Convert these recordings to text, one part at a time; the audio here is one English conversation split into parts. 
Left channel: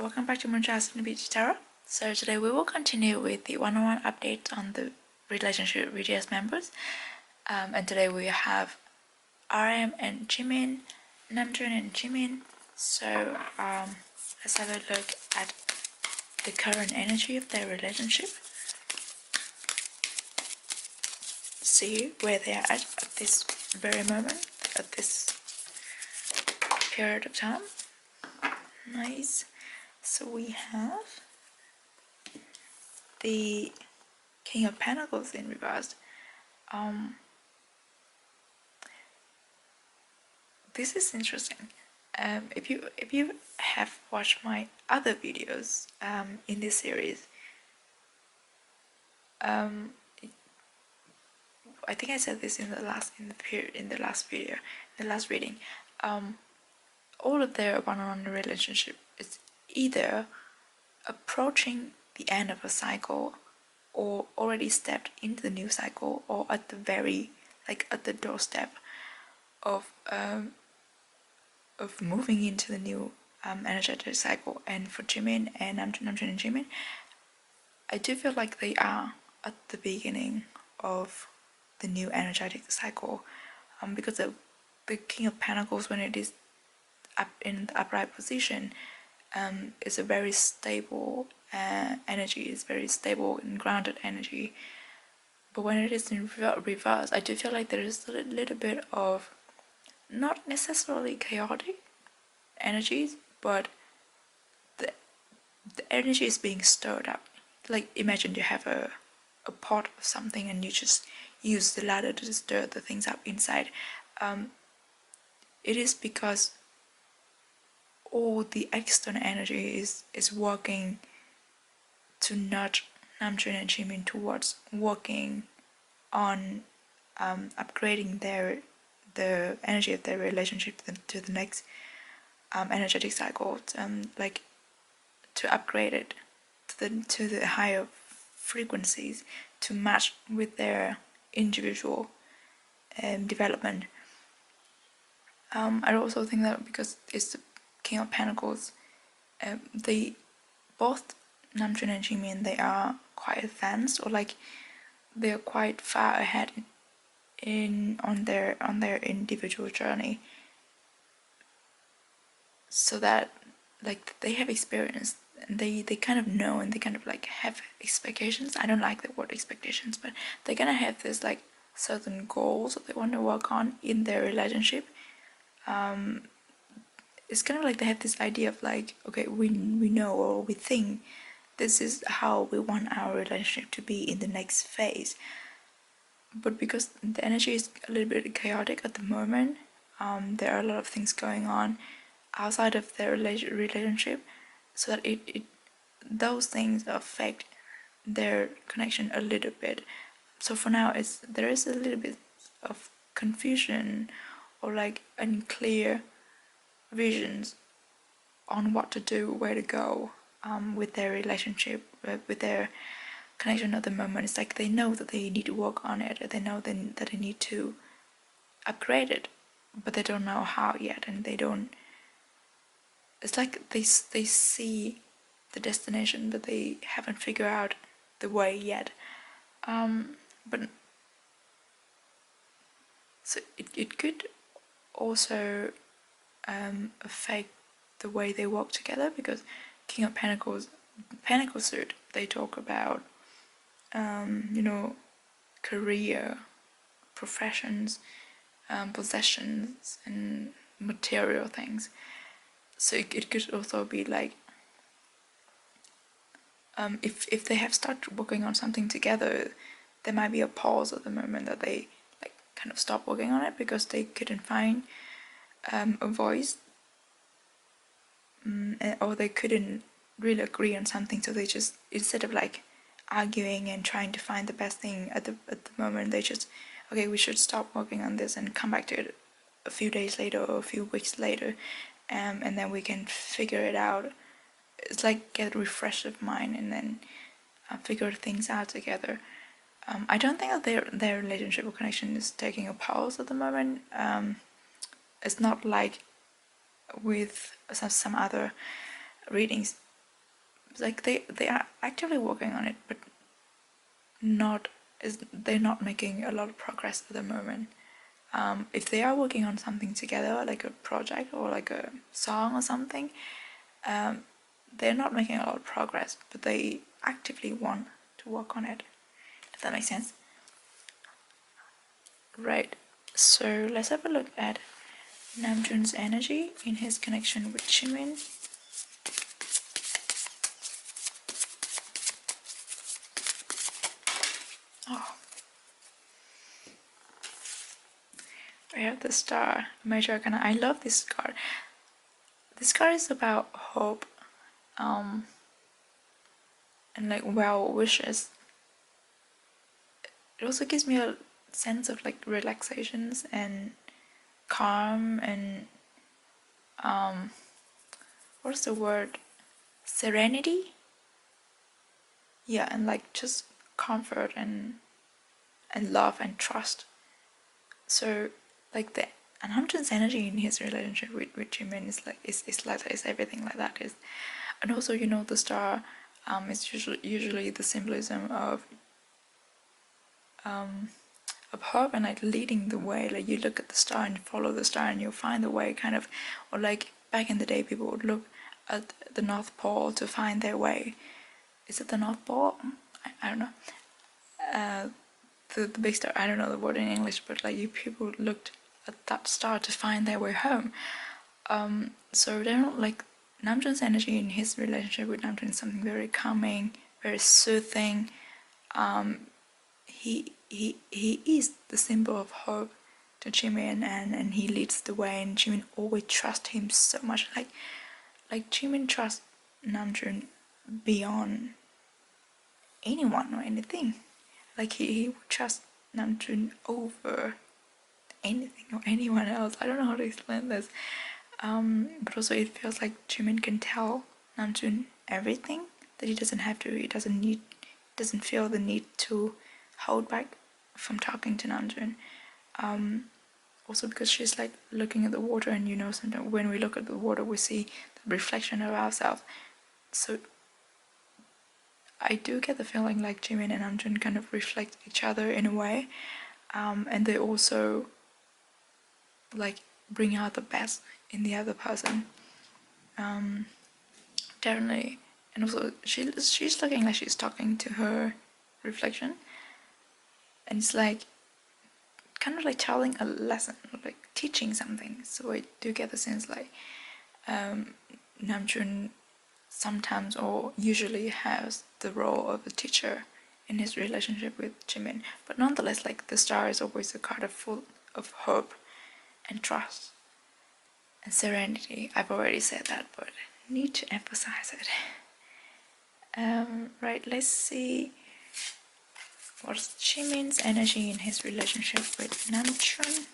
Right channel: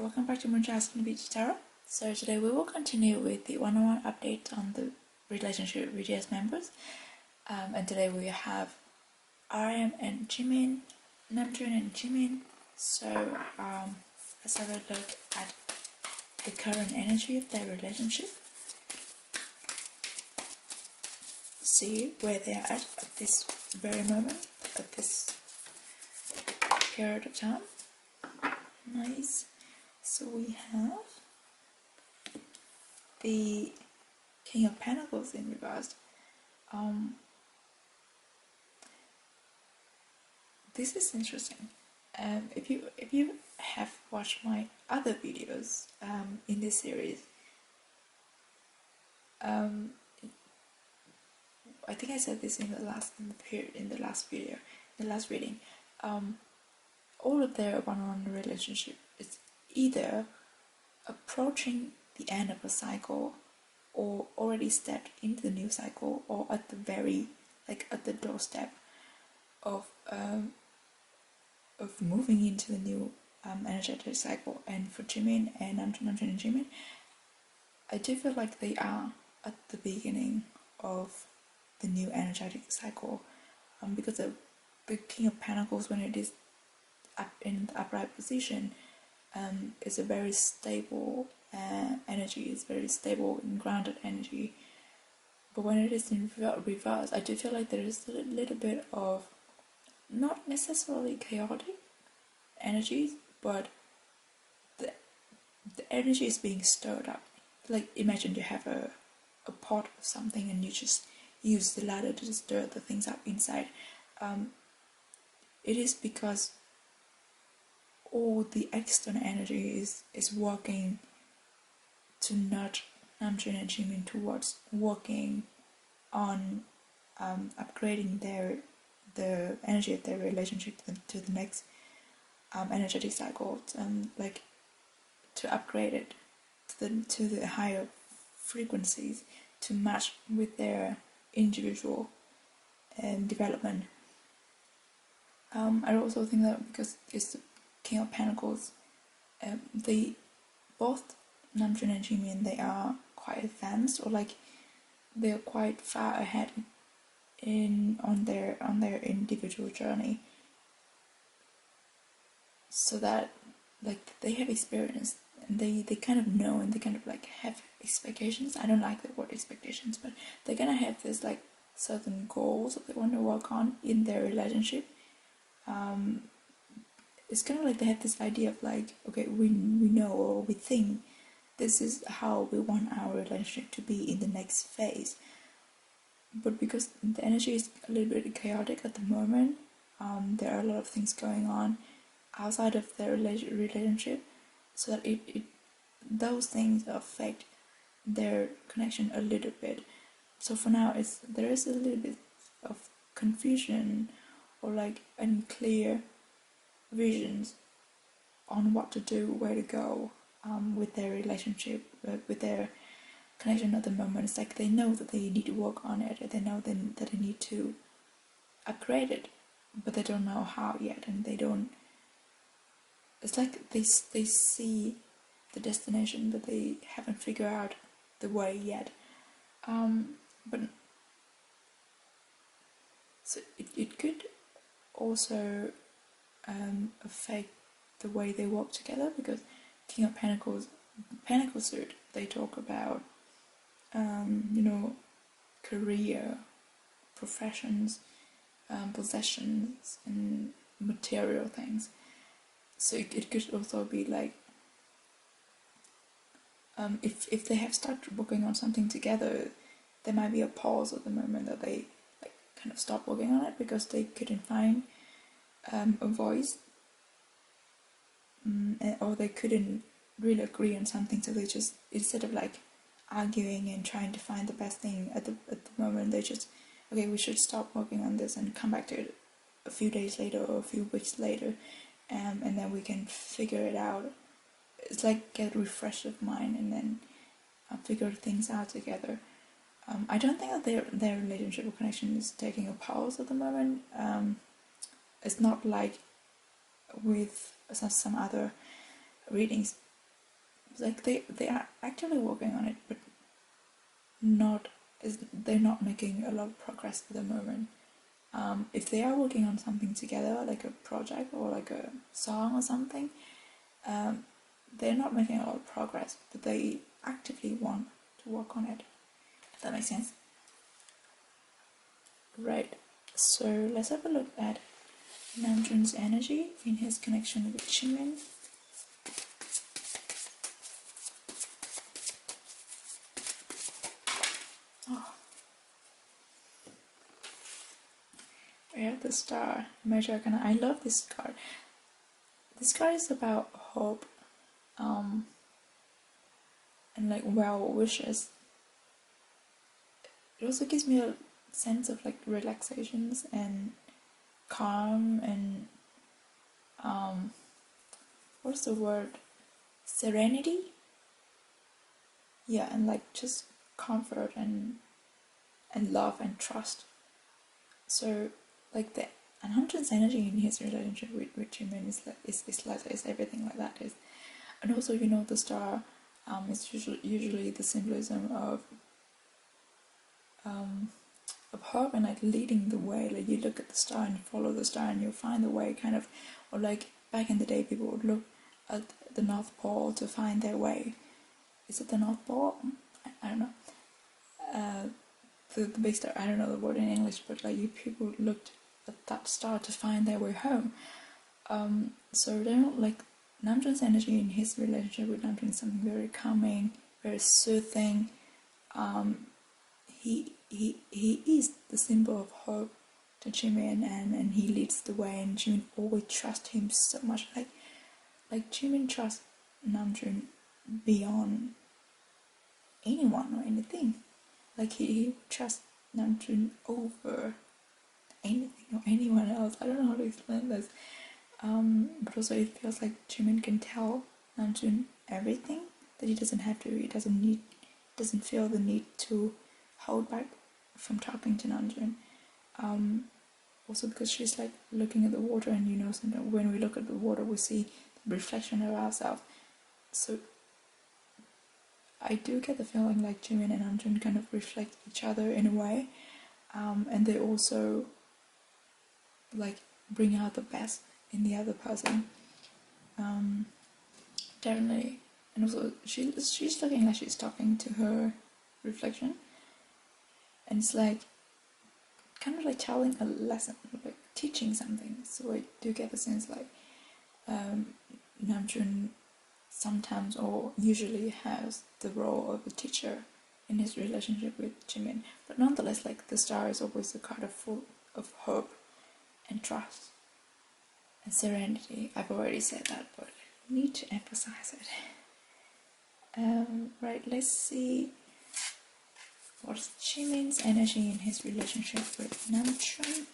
welcome back to MoonChild Serendipity Tarot. So today we will continue with the one-on-one update on the relationship with BTS members. And today we have RM and Jimin, Namjoon and Jimin. So let's have a look at the current energy of their relationship. See where they are at this very moment, at this period of time. Nice. So we have the King of Pentacles in reverse. This is interesting. If you have watched my other videos in this series, I think I said this in the last reading. All of their one-on-one relationship is either approaching the end of a cycle, or already stepped into the new cycle, or at the very at the doorstep of moving into the new energetic cycle. And for Jimin and Namjoon and Jimin, I do feel like they are at the beginning of the new energetic cycle, because the King of Pentacles, when it is up in the upright position, is a very stable energy, is very stable and grounded energy. But when it is in reverse, I do feel like there is a little bit of not necessarily chaotic energies, but the energy is being stirred up. Like, imagine you have a pot of something and you just use the ladder to stir the things up inside. It is because all the external energy is working to nudge Namjoon and Jimin towards working on upgrading the energy of their relationship to the next energetic cycle, like to upgrade it to the higher frequencies to match with their individual development. I also think that because it's the King of Pentacles, they both, Namjoon and Jimin, they are quite advanced, or like they're quite far ahead on their individual journey, so that like they have experience and they kind of know, and they kind of like have expectations. I don't like the word expectations, but they're gonna have this like certain goals that they want to work on in their relationship. It's kind of like they have this idea of like, okay, we know, or we think this is how we want our relationship to be in the next phase. But because the energy is a little bit chaotic at the moment, there are a lot of things going on outside of their relationship, so that those things affect their connection a little bit. So for now, there is a little bit of confusion, or like unclear visions on what to do, where to go with their relationship, with their connection at the moment. It's like they know that they need to work on it, they know that they need to upgrade it, but they don't know how yet, and they don't. It's like they see the destination, but they haven't figured out the way yet. But so it could also affect the way they work together, because King of Pentacles, Pentacle suit, they talk about career, professions, possessions, and material things. So it could also be like, if they have started working on something together, there might be a pause at the moment that they like kind of stop working on it because they couldn't find a voice, or they couldn't really agree on something. So they just, instead of like arguing and trying to find the best thing at the moment, they just, okay, we should stop working on this and come back to it a few days later or a few weeks later, and then we can figure it out. It's like get a refresh of mind, and then figure things out together. I don't think that their relationship or connection is taking a pause at the moment. It's not like with some other readings like they are actively working on it, but they're not making a lot of progress at the moment. If they are working on something together, like a project or like a song or something, they're not making a lot of progress, but they actively want to work on it. If that makes sense. Right, so let's have a look at Namjoon's energy in his connection with Jimin. Oh, we have the Star, Major Arcana. I love this card. This card is about hope, and like well wishes. It also gives me a sense of like relaxations and calm and what's the word? Serenity? Yeah, and like just comfort and love and trust. So like the Namjoon's energy in his relationship with Jimin is like is everything like that is, and also the star is usually the symbolism of hope and like leading the way. Like you look at the star and follow the star and you'll find the way, kind of. Or like back in the day, people would look at the North Pole to find their way. Is it the North Pole? I don't know. The big star. I don't know the word in English, but like people looked at that star to find their way home. So they're not like Namjoon's energy in his relationship with Namjoon is something very calming, very soothing. He is the symbol of hope to Jimin, and he leads the way, and Jimin always trusts him so much. Like Jimin trusts Namjoon beyond anyone or anything. Like he would trust Namjoon over anything or anyone else. I don't know how to explain this. But also it feels like Jimin can tell Namjoon everything that he doesn't have to. He doesn't feel the need to hold back from talking to Namjoon. Also because she's like looking at the water, and sometimes when we look at the water we see the reflection of ourselves. So I do get the feeling like Jimin and Namjoon kind of reflect each other in a way, and they also like bring out the best in the other person. Definitely. And also she's looking like she's talking to her reflection, and it's like kind of like telling a lesson, like teaching something. So I do get the sense like Namjoon sometimes or usually has the role of a teacher in his relationship with Jimin, but nonetheless, like the star is always a card full of hope and trust and serenity. I've already said that, but I need to emphasize it. Right, let's see what's Jimin's energy in his relationship with Namjoon.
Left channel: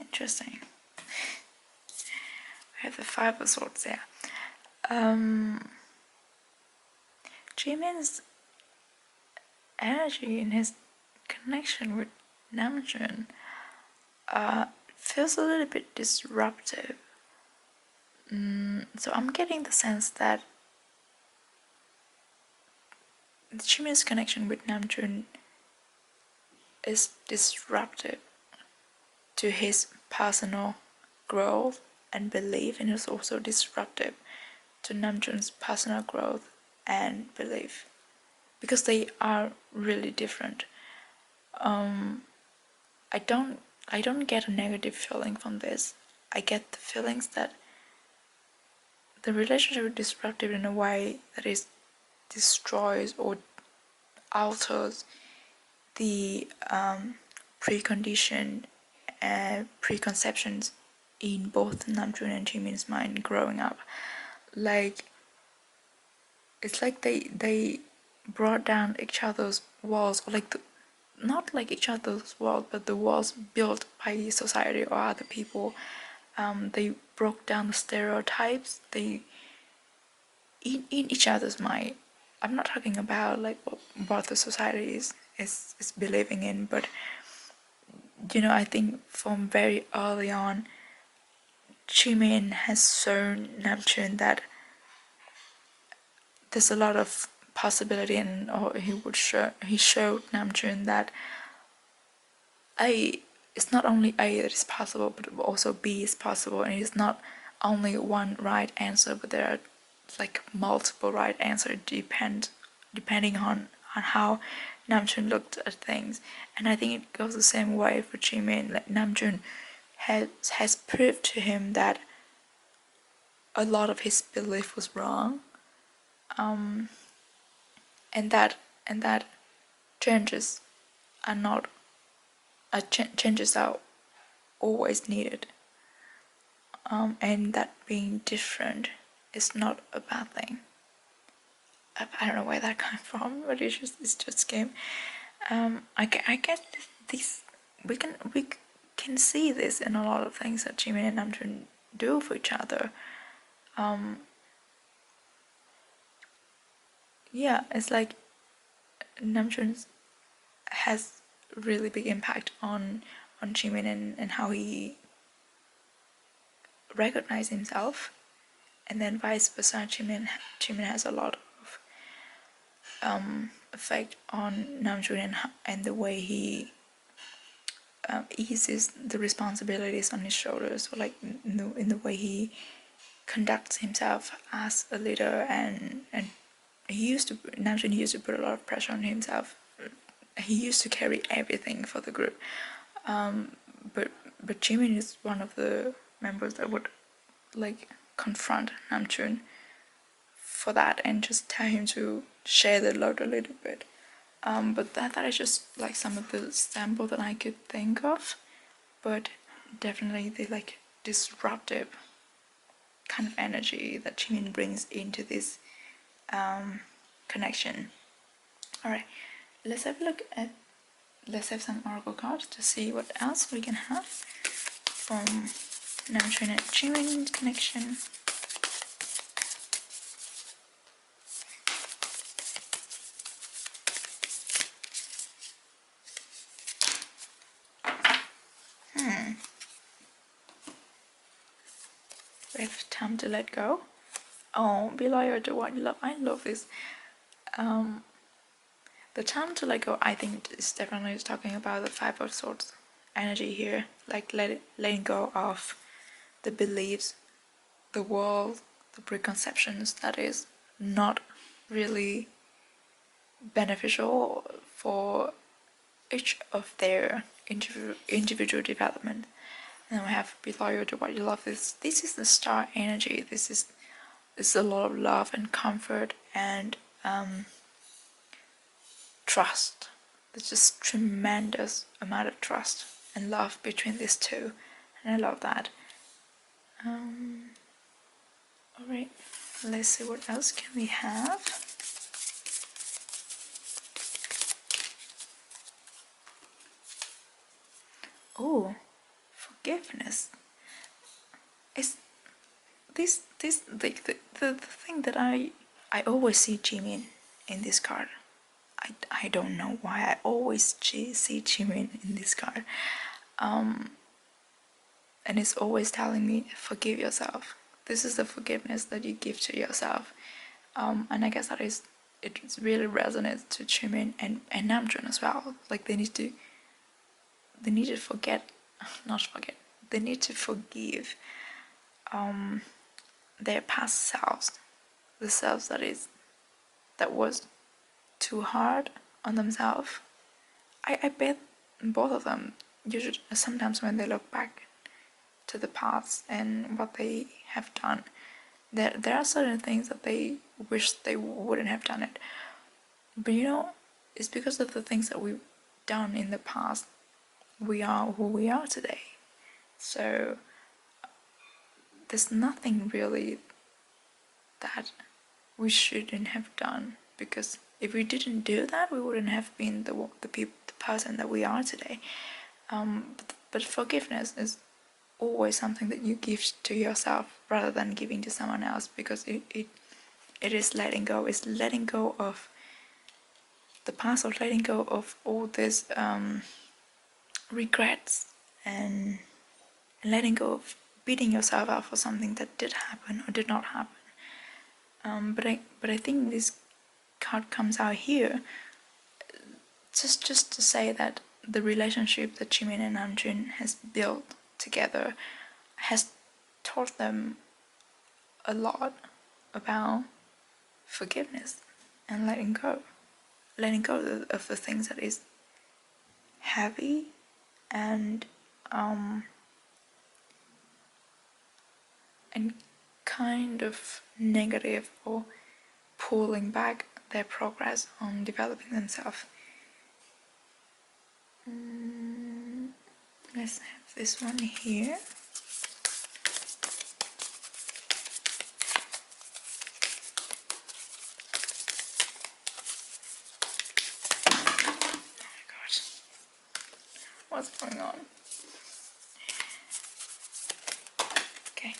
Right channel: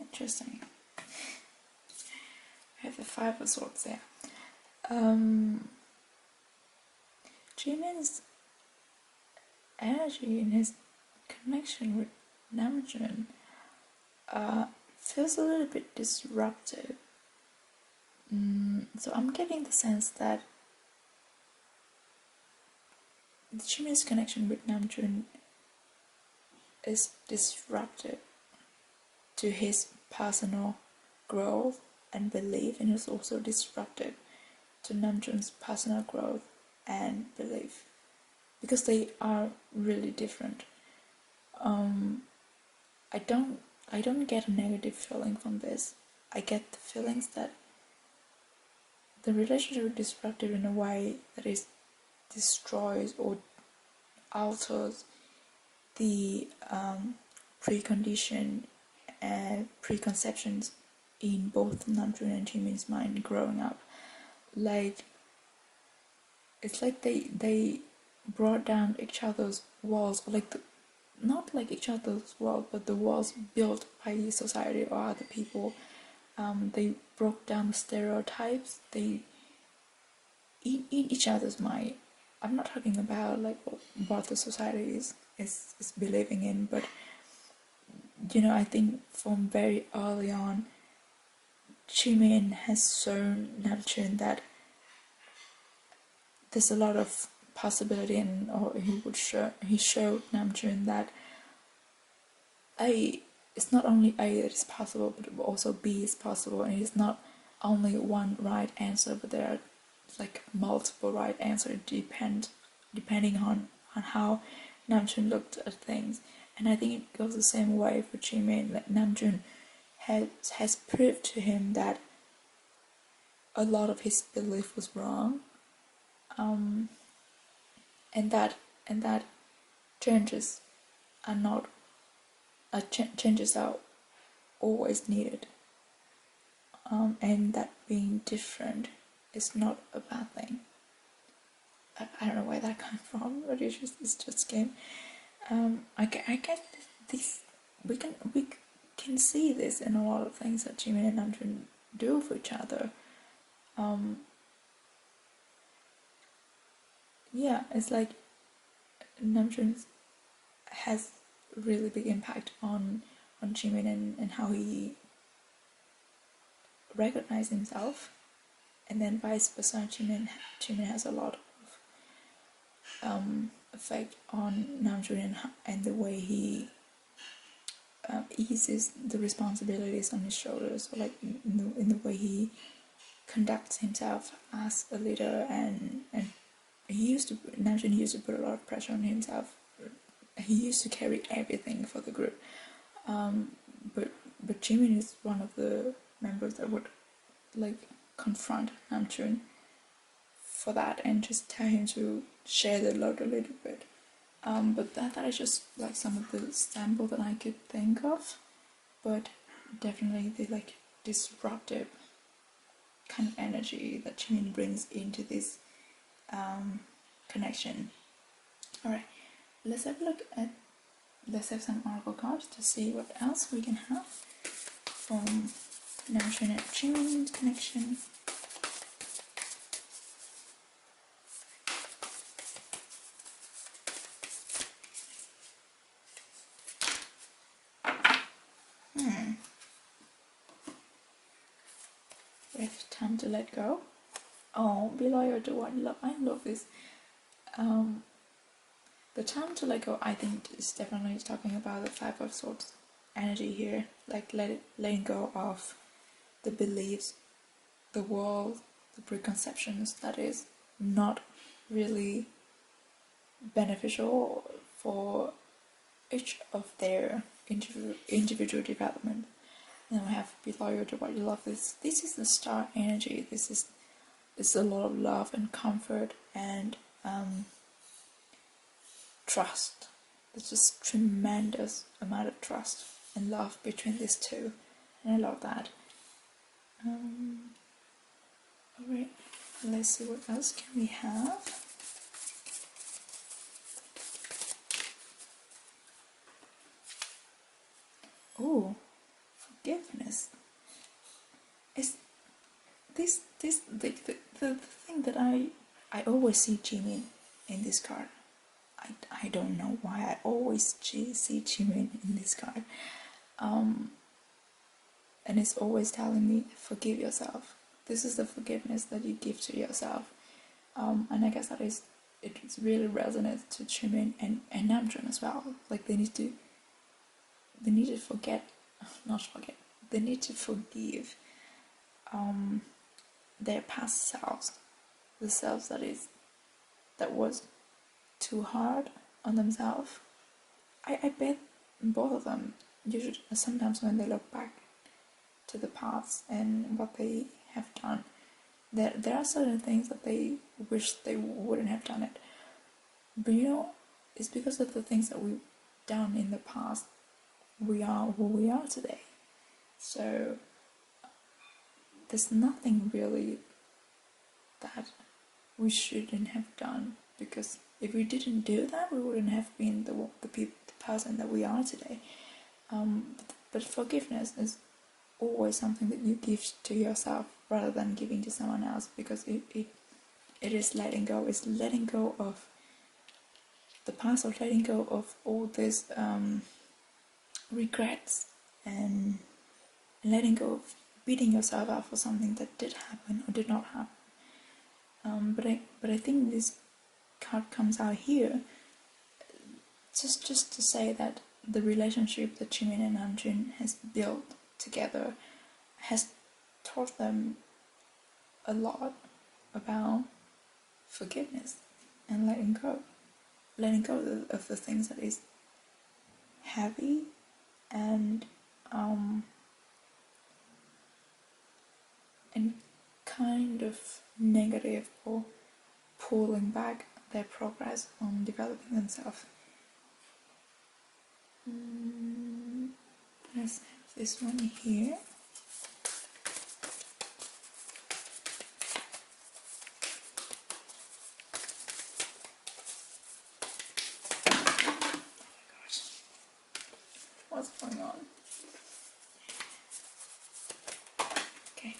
Interesting. I have the Five of Swords there. Jimin's energy in his connection with Namjoon feels a little bit disruptive. So I'm getting the sense that Jimin's connection with Namjoon is disruptive to his personal growth and belief, and is also disruptive to Namjoon's personal growth and belief, because they are really different. I don't get a negative feeling from this. I get the feelings that the relationship is disruptive in a way that is destroys or alters the precondition and preconceptions in both Namjoon and Jimin's mind growing up. Like it's like they brought down each other's walls, or like not like each other's walls, but the walls built by society or other people. They broke down the stereotypes. They in each other's mind. I'm not talking about like what the society is believing in, but I think from very early on, Jimin has shown Namjoon that there's a lot of possibility, and or he showed Namjoon that A it's not only A that is possible, but also B is possible, and it's not only one right answer, but there are like multiple right answers depending on how Namjoon looked at things. And I think it goes the same way for Jimin. Like Namjoon has proved to him that a lot of his belief was wrong, and that changes are not changes are always needed, and that being different is not a bad thing. I don't know where that came from, but it's just came. I guess this we can see this in a lot of things that Jimin and Namjoon do for each other. Yeah, it's like Namjoon has really big impact on Jimin, and how he recognizes himself, and then vice versa. Jimin has a lot of effect on Namjoon, and the way he eases the responsibilities on his shoulders, or like in the way he conducts himself as a leader, and Namjoon used to put a lot of pressure on himself. He used to carry everything for the group, but Jimin is one of the members that would like confront Namjoon for that and just tell him to share the load a little bit. But that is just like some of the samples that I could think of, but definitely the like disruptive kind of energy that Jimin brings into this connection. All right, let's have a look at. Let's have some oracle cards to see what else we can have from Namjoon and Jimin connection. We have time to let go. Oh, be loyal to what you love. I love this. The time to let go, I think, is definitely talking about the Five of Swords energy here. Like letting go of the beliefs, the world, the preconceptions that is not really beneficial for each of their individual development. And we have be loyal to what you love. This is the star energy. This is a lot of love and comfort and trust. There's just tremendous amount of trust and love between these two, and I love that. Alright, let's see what else can we have. Oh, forgiveness. Is this the thing that I always see Jimin in this card. I don't know why I always see Jimin in this card. And it's always telling me, forgive yourself. This is the forgiveness that you give to yourself. And I guess it really resonates to Jimin and Namjoon as well. Like they need to they need to forgive their past selves, the selves that was too hard on themselves. I bet both of them usually sometimes when they look back to the past and what they have done, there are certain things that they wish they wouldn't have done it. But it's because of the things that we've done in the past we are who we are today. So there's nothing really that we shouldn't have done, because if we didn't do that, we wouldn't have been the person that we are today. But forgiveness is always something that you give to yourself rather than giving to someone else, because it it is letting go. It's letting go of the past, or letting go of all this regrets, and letting go of beating yourself up for something that did happen or did not happen. But I think this card comes out here just to say that the relationship that Jimin and Namjoon has built together has taught them a lot about forgiveness and letting go of the things that is heavy and kind of negative, or pulling back their progress on developing themselves. Let's have this one here. Oh my gosh, what's going on? Okay.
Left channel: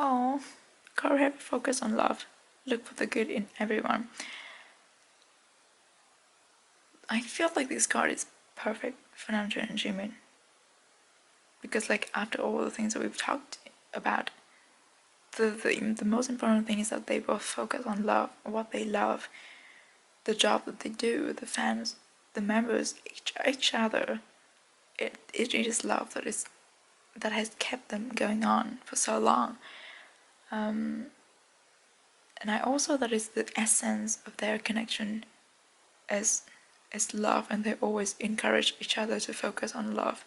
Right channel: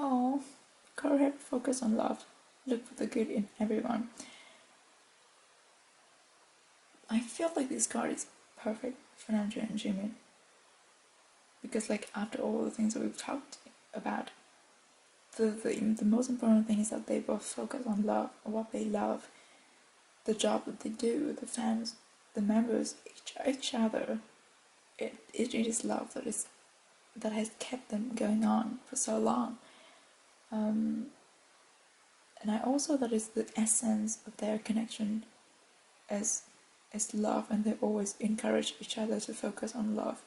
Oh, card focus on love. Look for the good in everyone. I feel like this card is perfect for Namjoon and Jimin, because like after all the things that we've talked about, the most important thing is that they both focus on love, what they love, the job that they do, the fans, the members, each other. It is love that has kept them going on for so long. And I also, that is the essence of their connection as love, and they always encourage each other to focus on love,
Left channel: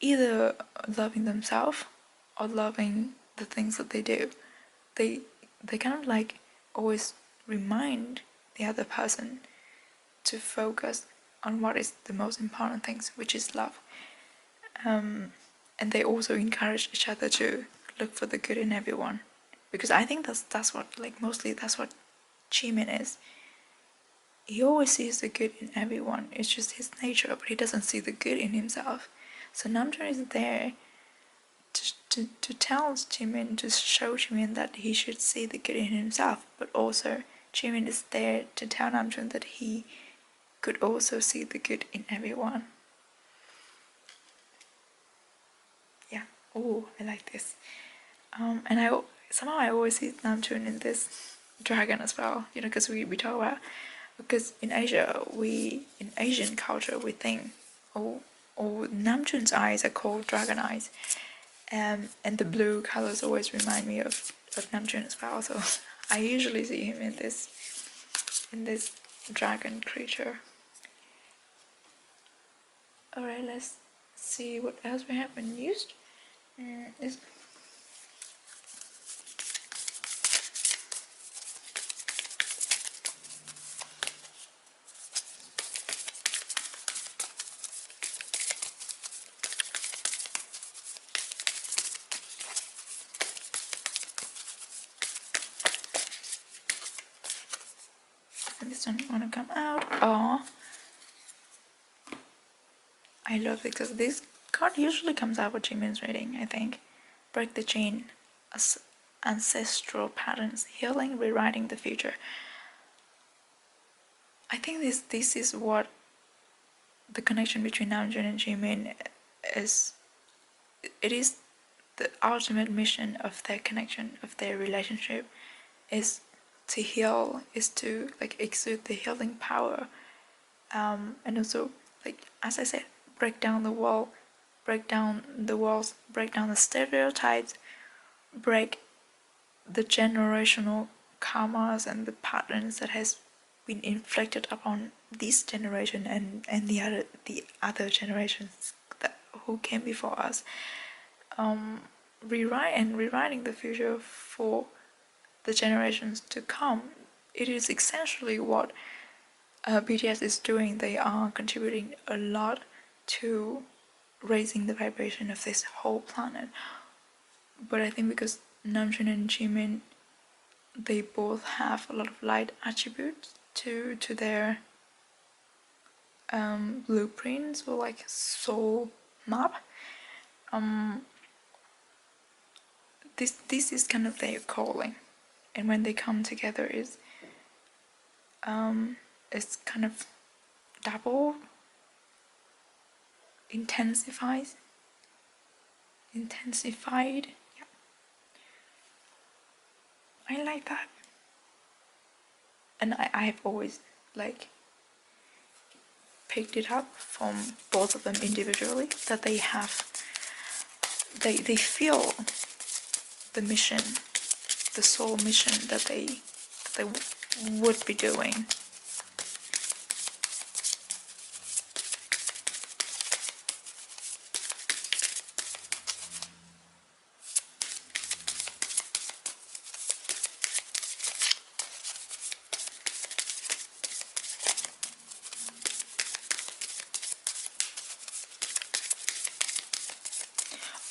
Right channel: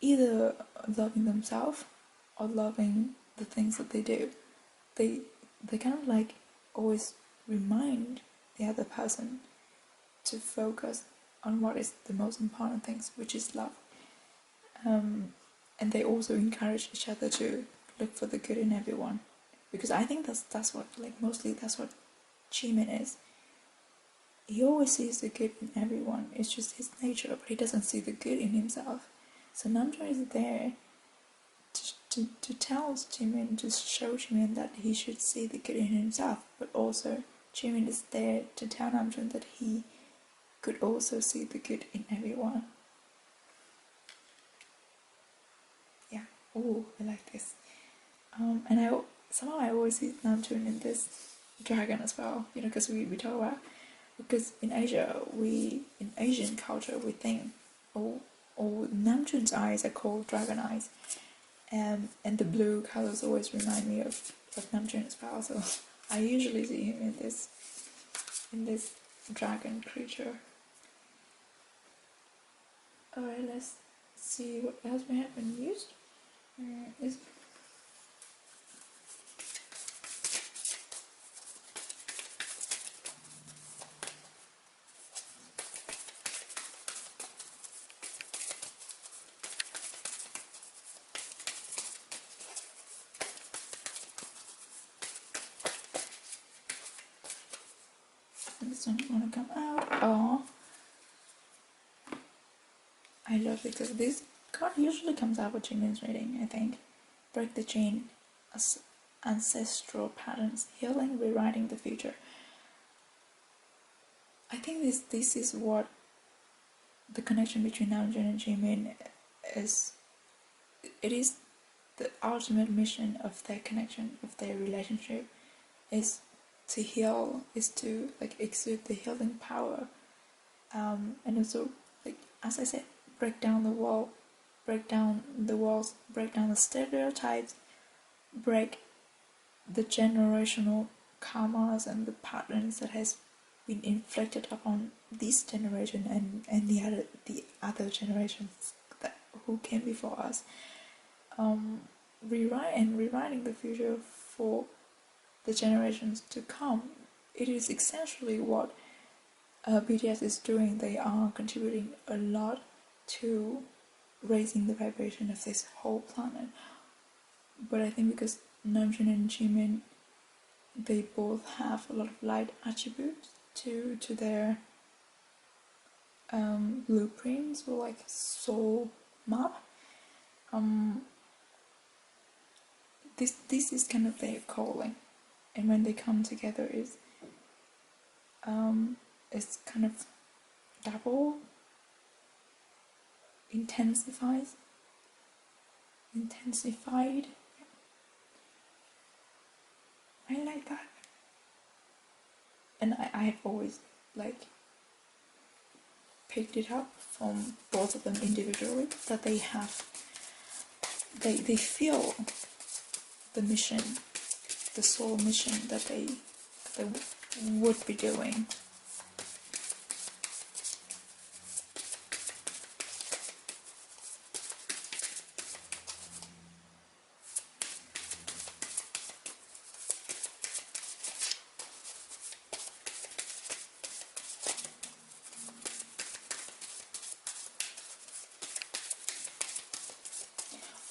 either loving themselves or loving the things that they do. They kind of like always remind the other person to focus on what is the most important things, which is love. And they also encourage each other to look for the good in everyone, because I think that's what, like, mostly that's what Jimin is. He always sees the good in everyone. It's just his nature, but he doesn't see the good in himself. So Namjoon is there to tell Jimin, to show Jimin that he should see the good in himself, but also Jimin is there to tell Namjoon that he could also see the good in everyone. Yeah. Oh, I like this. And I always see Namjoon in this dragon as well. You know, because we talk about, because in Asia, in Asian culture, we think, oh, Namjoon's eyes are called dragon eyes, and the blue colors always remind me of Namjoon as well. So I usually see him in this dragon creature. Alright, let's see what else we have been used. This one want to come out. Oh, I love it, because this card usually comes out with Jimin's reading, I think. Break the chain, ancestral patterns, healing, rewriting the future. I think this is what the connection between Namjoon and Jimin is. It is the ultimate mission of their connection, of their relationship, is to heal, is to like exude the healing power, and also, like, as I said, break down the walls, break down the stereotypes, break the generational karmas and the patterns that has been inflicted upon this generation and the other generations who came before us. Rewriting the future for the generations to come. It is essentially what BTS is doing. They are contributing a lot to raising the vibration of this whole planet. But I think because Namjoon and Jimin, they both have a lot of light attributes to their blueprints or like soul map. This is kind of their calling, and when they come together, it's kind of double intensified. Yeah, I like that, and I've always like picked it up from both of them individually that they feel the mission, the soul mission that they would be doing.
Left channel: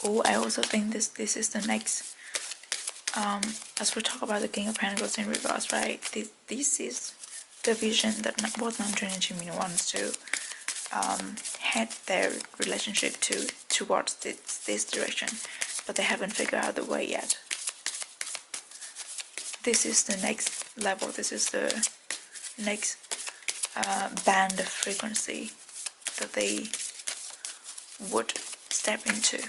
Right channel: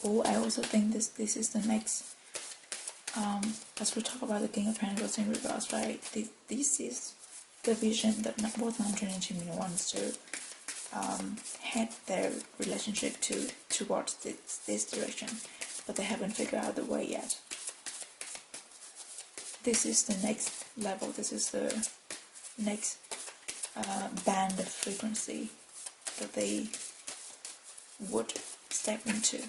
Oh, I also think this is the next, as we talk about the King of Pentacles in reverse, right? This is the vision that both Namjoon and Jimin wants to head their relationship towards this direction, but they haven't figured out the way yet. This is the next level. This is the next band of frequency that they would step into.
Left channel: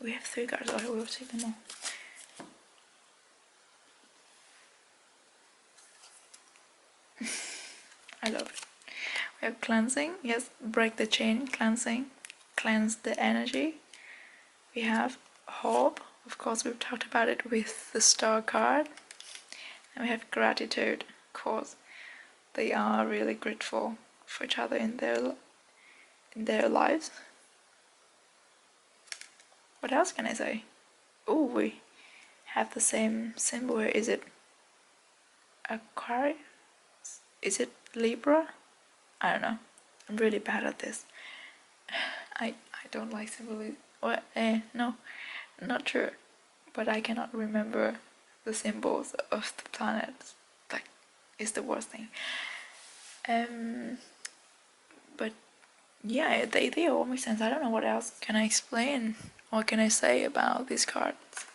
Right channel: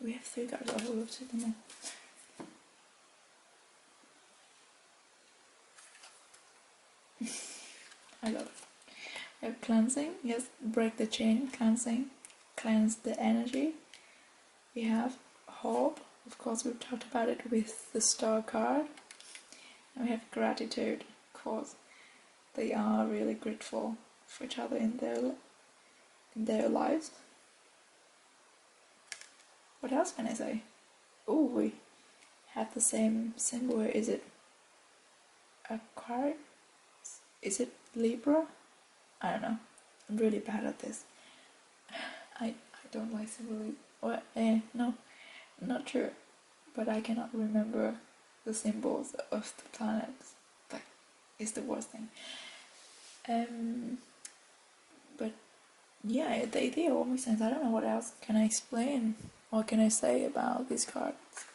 We have 3 cards. Okay, we'll take them all. I love it. We have cleansing. Yes, break the chain. Cleansing. Cleanse the energy. We have hope. Of course, we've talked about it with the star card. And we have gratitude. Of course, they are really grateful for each other in their lives. What else can I say? Oh, we have the same symbol. Is it Aquarius? Is it Libra? I don't know. I'm really bad at this. I don't like symbolism. Or no, not sure. But I cannot remember the symbols of the planets. Like, it's the worst thing. But yeah, they all make sense. I don't know what else can I explain. What can I say about this card?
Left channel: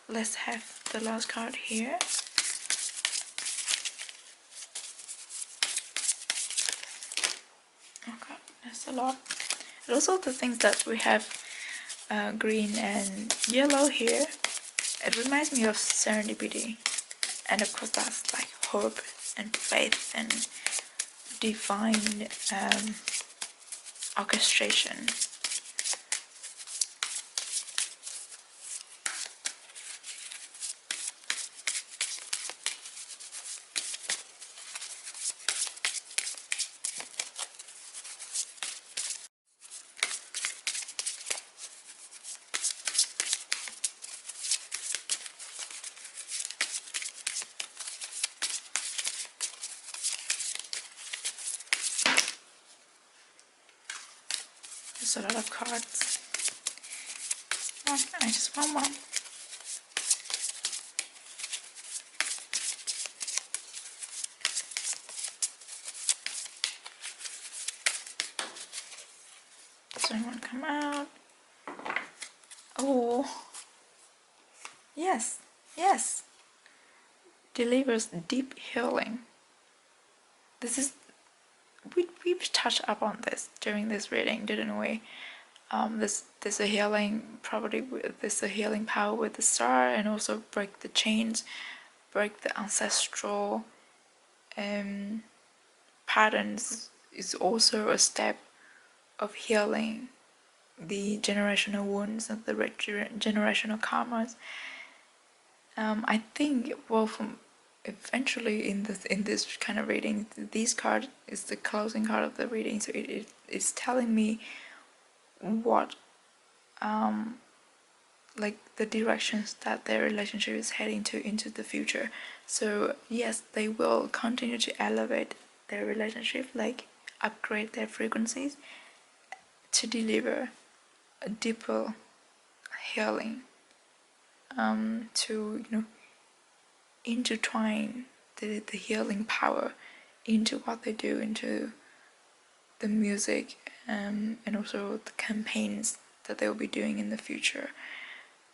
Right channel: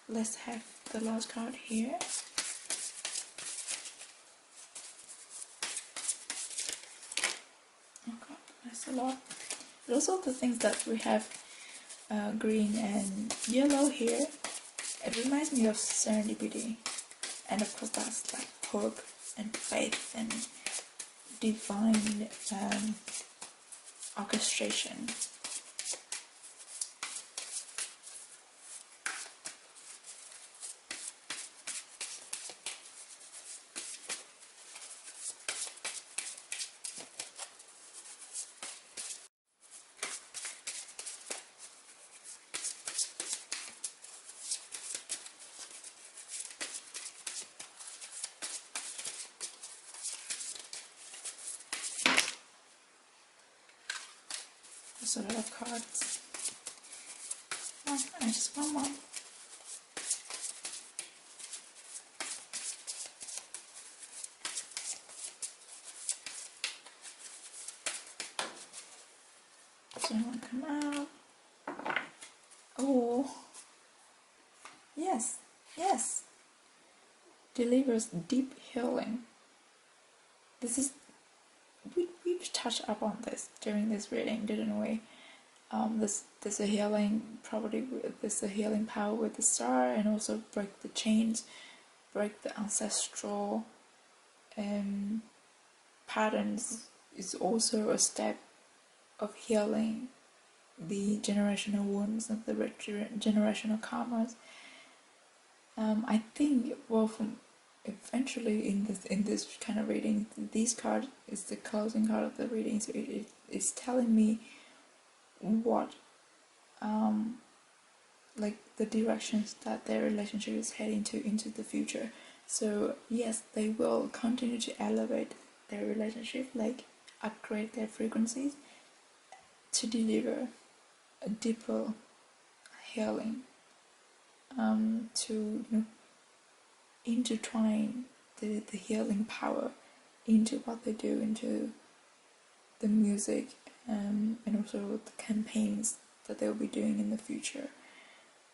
Let's have the last card here. Okay, that's a lot. And also the things that we have green and yellow here, it reminds me of serendipity, and of course that's like hope and faith and divine orchestration. There's a lot of cards. Oh, I just want one. Does anyone come out? Oh, yes, yes. Delivers deep healing. This is, we've touched up on this during this reading, didn't we? There's a healing property. There's a healing power with the star, and also break the chains, break the ancestral patterns is also a step of healing the generational wounds and the generational karmas. I think, well, from eventually in this kind of reading, this card is the closing card of the reading, so it is telling me what like the directions that their relationship is heading into the future. So yes, they will continue to elevate their relationship, like upgrade their frequencies to deliver a deeper healing, to intertwine the healing power into what they do, into the music, and also the campaigns that they'll be doing in the future.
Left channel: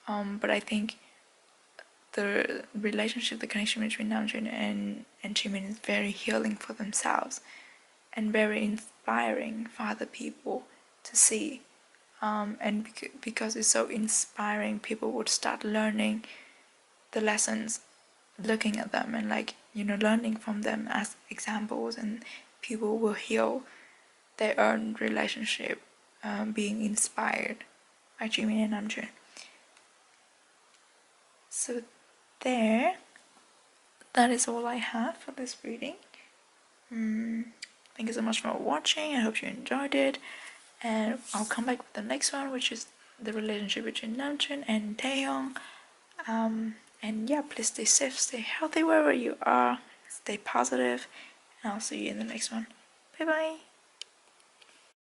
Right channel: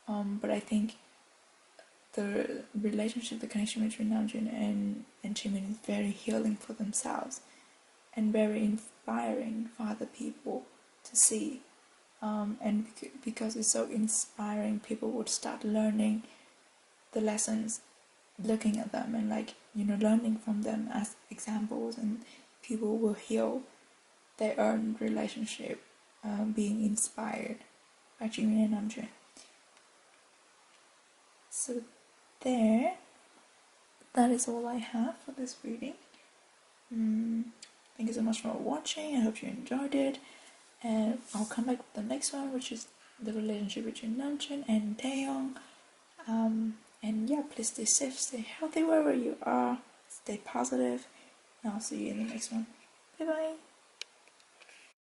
But I think the relationship, the connection between Namjoon and Jimin is very healing for themselves and very inspiring for other people to see. And because it's so inspiring, people would start learning the lessons, looking at them and learning from them as examples, and people will heal their own relationship, being inspired by Jimin and Namjoon. So that is all I have for this reading. Thank you so much for watching. I hope you enjoyed it, and I'll come back with the next one, which is the relationship between Namjoon and Taehyung. And yeah, please stay safe, stay healthy wherever you are, stay positive, and I'll see you in the next one. Bye bye.